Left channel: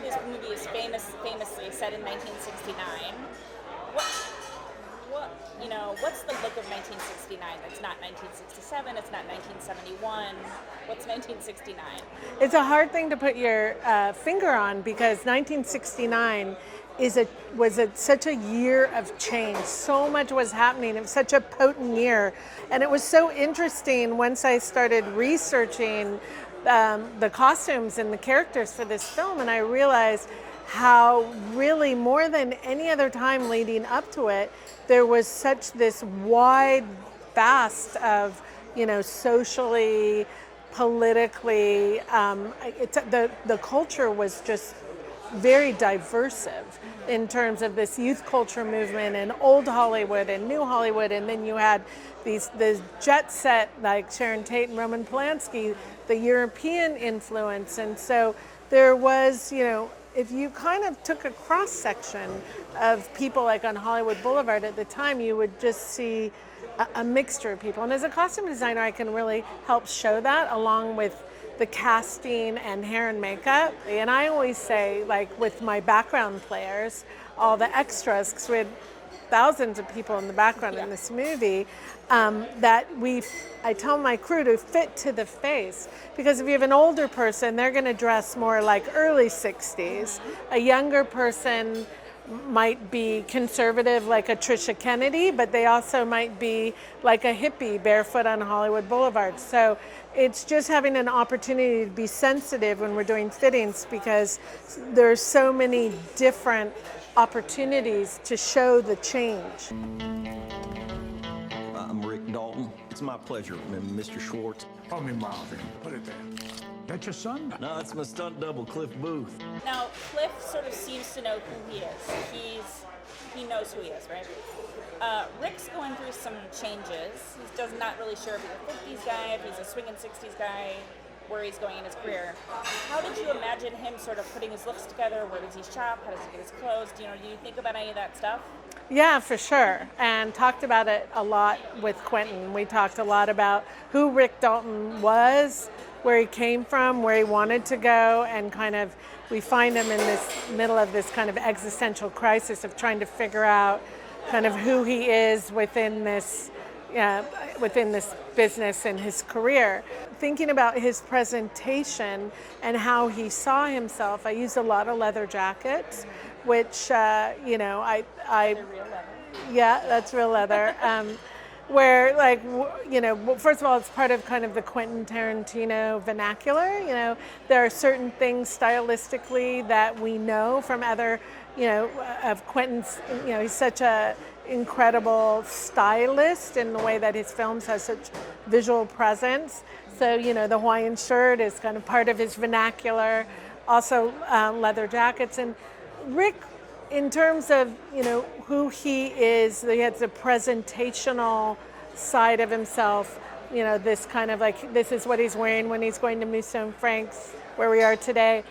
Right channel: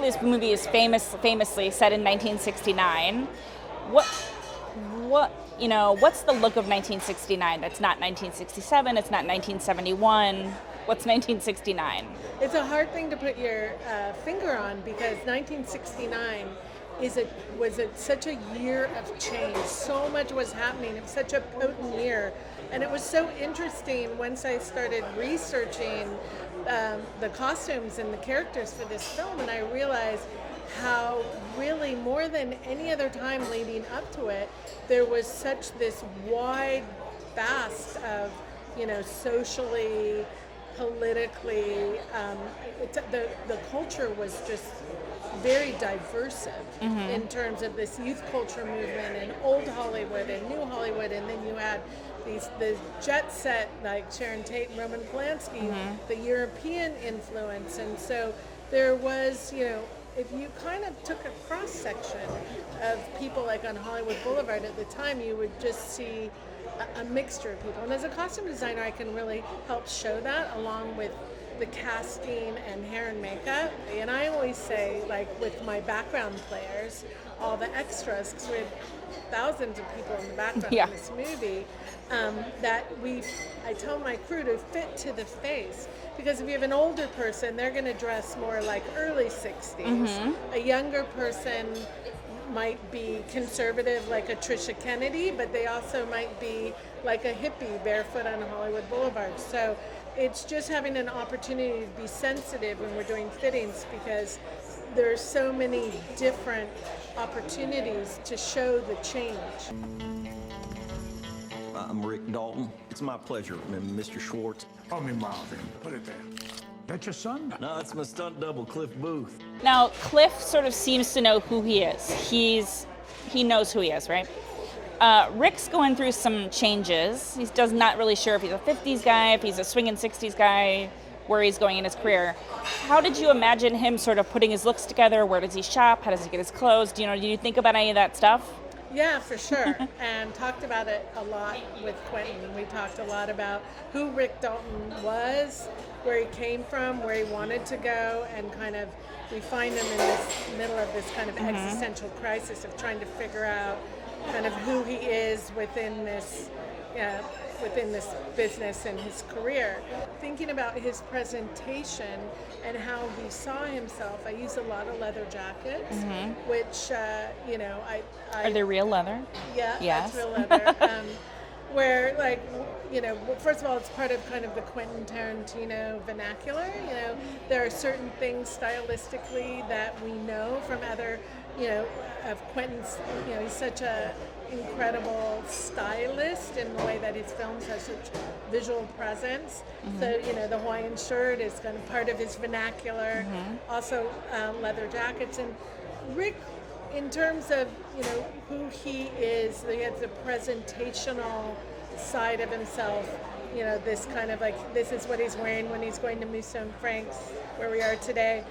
this movie is famously set in 1969. What's the look of 1969? That's not 1967. It's not 1971. What's 1969? It's a hard thing to put your finger on because 1969 was such a year of change. So much was happening. It was such a potent year. And it was so interesting once I started researching the costumes and the characters for this film, and I realized how really more than any other time leading up to it, there was such this wide vast of, socially, politically, the culture was just very diversive in terms of this youth culture movement and old Hollywood and new Hollywood, and then you had the jet set like Sharon Tate and Roman Polanski, the European influence, and so there was, if you kind of took a cross section of people like on Hollywood Boulevard at the time, you would just see a mixture of people. And as a costume designer, I can really help show that along with the casting and hair and makeup. And I always say, like with my background players, all the extras, because we had thousands of people in the background in this movie, that I tell my crew to fit to the face. Because if you have an older person, they're going to dress more like early 60s. A younger person might be conservative like a Trisha Kennedy, but they also might be like a hippie barefoot on Hollywood Boulevard. So it's just having an opportunity to be sensitive when we're doing fittings because there's so many different opportunities to show the change. I'm Rick Dalton. It's my pleasure, Mr. Schwartz. Call me Marvin. Put it there. That your son? No, it's my stunt double, Cliff Booth. Now, Cliff sort of seems to know who he is. He knows who he is, right? Rick's going through some changes. He does not really sure if he's a 50s guy, if he's a swinging 60s guy, where he's going in his career. How did you imagine him sort of putting his looks together? Where does he shop? How does he get his clothes? Do you think about any of that stuff? Yeah, for sure. And talked about it a lot with Quentin. We talked a lot about who Rick Dalton was, where he came from, where he wanted to go, and kind of we find him in this middle of this kind of existential crisis of trying to figure out kind of who he is within this business and his career. Thinking about his presentation and how he saw himself, I used a lot of leather jackets, which, Are they real leather? Yeah, Yes. That's real leather. Where, first of all, it's part of kind of the Quentin Tarantino vernacular. There are certain things stylistically that we know from other, of Quentin's, he's such a incredible stylist in the way that his films have such visual presence. So, the Hawaiian shirt is kind of part of his vernacular. Also, leather jackets. And Rick, in terms of, who he is, he has a presentational side of himself, this kind of like, this is what he's wearing when he's going to Maison Frank's, where we are today,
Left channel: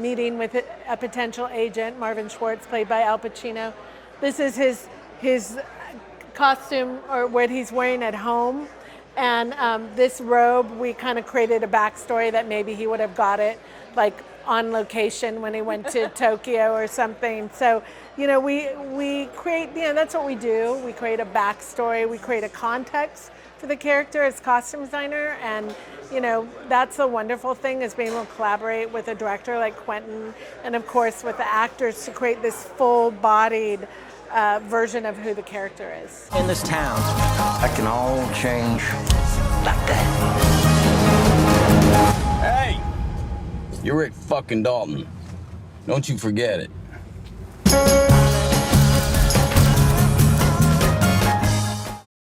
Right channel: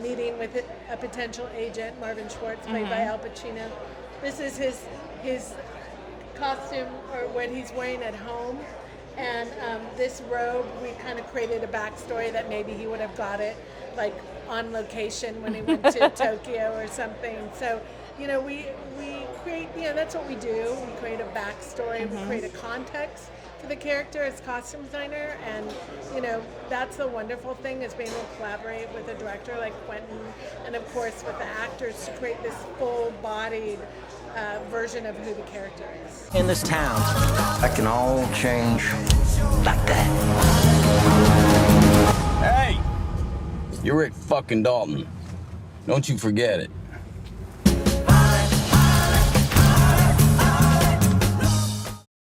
meeting with a potential agent, Marvin Schwartz, played by Al Pacino. This is his costume, or what he's wearing at home. And this robe, we kind of created a backstory that maybe he would have got it like on location when he went to Tokyo or something. So, we create, that's what we do. We create a backstory, we create a context for the character as costume designer, and that's the wonderful thing, is being able to collaborate with a director like Quentin, and of course with the actors to create this full-bodied version of who the character is. In this town, that can all change like that. Hey! You're Rick fucking Dalton. Don't you forget it.